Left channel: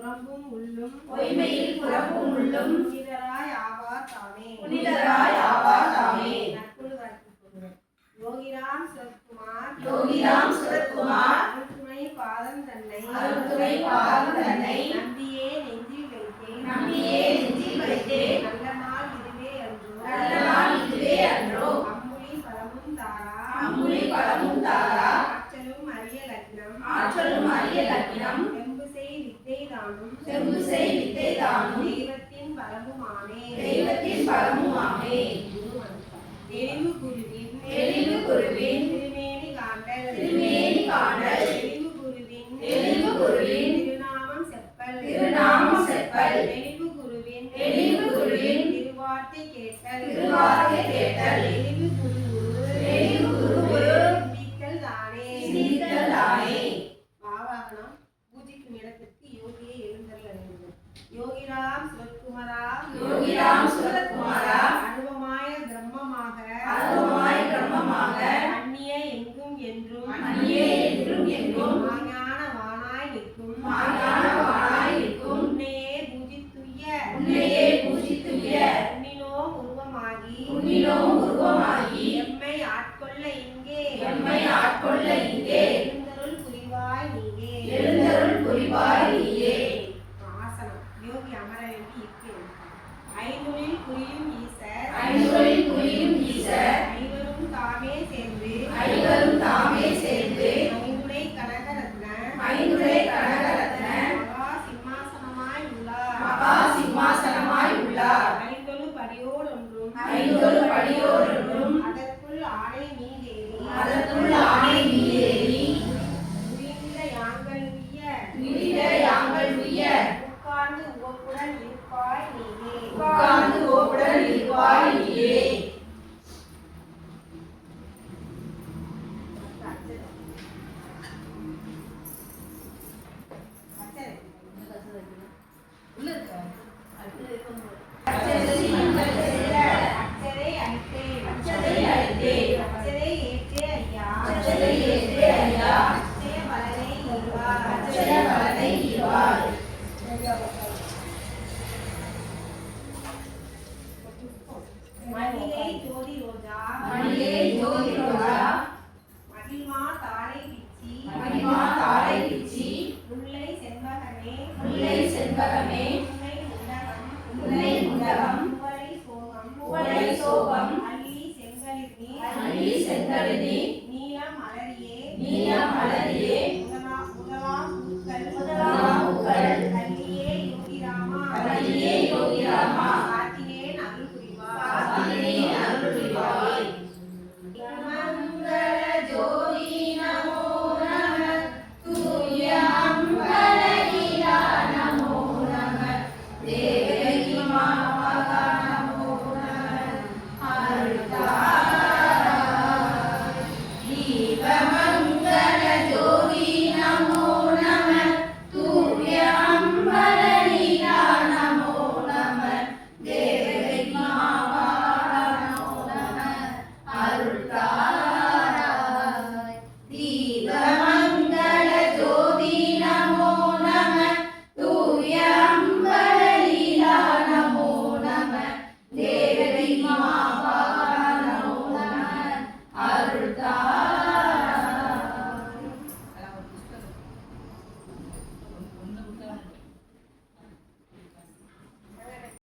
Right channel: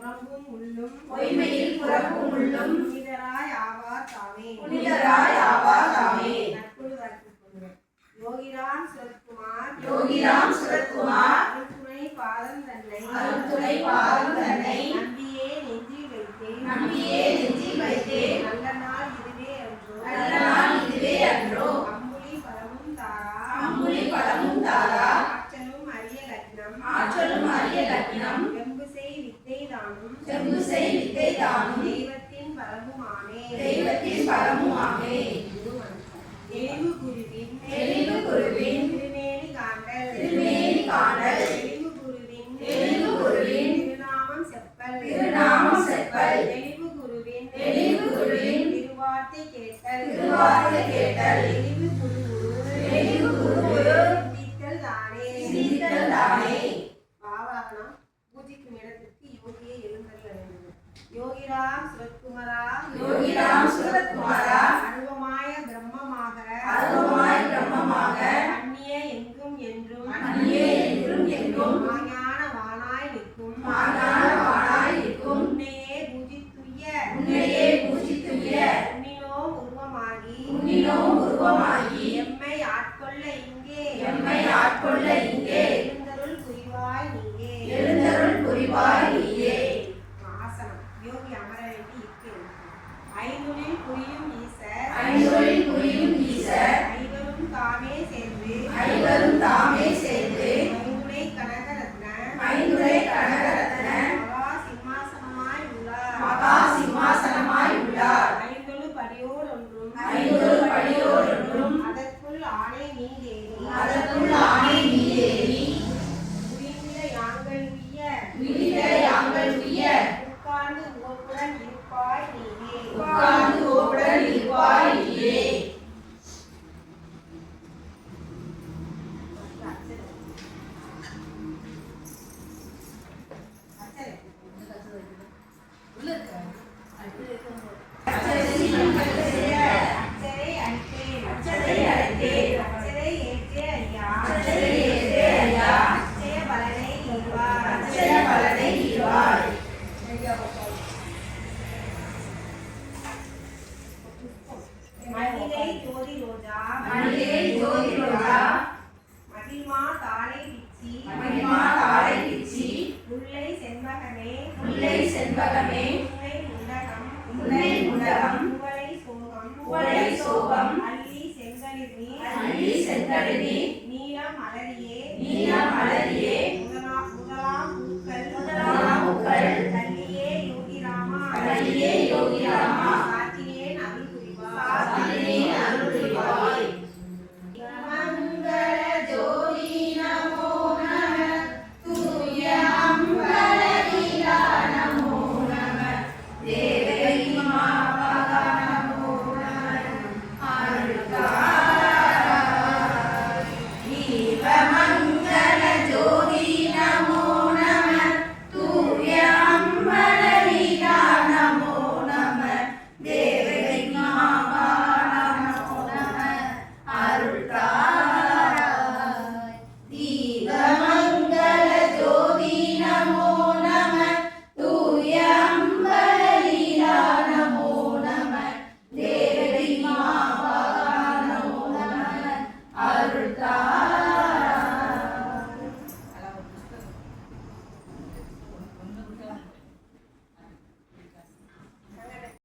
புறம்பும் உள்ளும் பொய்மையில் புறம்பும் உள்ளும் புனிதராய் ஆவார் தாமே புனிதராய் ஆவார் தாமே. யோகிராம் சரத்குமார் யோகிராம் சரத்குமார் அருள்துணை பாதம் தன்னை அருள்துணை பாதம் தன்னை நம்பியே நெஞ்சில் வைத்தேன் நம்பியே நெஞ்சில் வைத்தேன். நல்ல நாள் இதுவே அன்றோ நல்ல நாள் இதுவே அன்றோ. அம்புலி பழமும் தாரா அம்புலி பழமும் தாரா ஆற்றலும் அரிய லக்னம் ஆற்றலும் அரிய லக்கினம் செம்புசெய் வித்தை தானும் செம்புசெய் வித்தை தானும் தெய்வத்தின் பரமுமானே தெய்வத்தின் பரமுமாமே. எளிவு குருவின் எளிவு குருவின் திருமேனி காண்டல் திருமேனி காண்டல் எளிவு குருவின் எளிவு குருவின் திருநாமம் செப்பல் திருநாமம் செப்பல் எளிவு குருவின் எளிவு குருவின் திருவார்த்தை கேட்டல் திருவார்த்தை கேட்டல் எளிவு குரு எளிவு குரு சிந்தித்தல் தானே சிந்தித்தல் தானே. பாவாகனம் பூஜிக்கும் இடத்திற்கு யோகியை எழுந்தருள வேண்டும். யோகிராம் சுரத்குமாரா யோகிராம் சுரத்குமாரா அனுபமாய பிரம்மமாக அருவமாய பிரம்மமாக அந்நிய எங்கும் என்றும் அந்நியே என்றும் என்றும் மாஞான வானாய் நிற்கும் மாஞானவானாய் நிற்கும் உன்னையே பூஜித்துய்ய உன்னையே பூஜித்துய உன்னினோம் உருவமாகி உன்னினோம் உருவமாகி எம்மை ஆட்கொள்ள இங்கே எம்மை ஆட்கொள்ள இங்கே எழுந்தருள் புரிவாய் நீயே எழுந்தருள் புரிவாய் நீயே. ஆசனம் யோகி அமர வேண்டி இருக்கிறது. ஐந்துளில் புரியும் ஈசர் ஐந்துகளில் புரியும் ஈசர் ஐவரும் தாமே சேர்ந்து ஐவரும் தாமே சேர்ந்து ஐந்துளை கனகரத்ன ஐந்துளை கனகரத்ன மகா சிம்மாசனமாய் உள்ளார் மகா சிம்மாசனமாய் உள்ளார். ஐந்தொழு படியோடொன்றும் ஐந்தொரு படியோடொன்றும் அதற்குள் ஆணை நீரேறி அதற்குள் ஆணை நீரேறி உயிரில யாங்கள் உய்ய விதித யாங்கள் உய்ய உட்கார்ந்து உவப்புடன் இருப்பாய் நீயே உட்கார்ந்து ஓவுடன் இருப்பாய் நீயே. அச்சதை மங்கள் செய்ய அச்சரை அளித்தேன் அச்சதை அளித்தேன் அச்சரை ஏற்றே ஐயா அச்சதை ஏற்றே ஐயா அச்சய பலனை ஈவார் அச்சய பலனை ஈவாய். மணிலை ஜோதி ரோஜா மணிலே ஜோதி ரோஜா மகிழ்மா தாரை பிச்சி மகிமா தாரை பிச்சி முல்லை செண்பகமே முல்லை செண்பகமே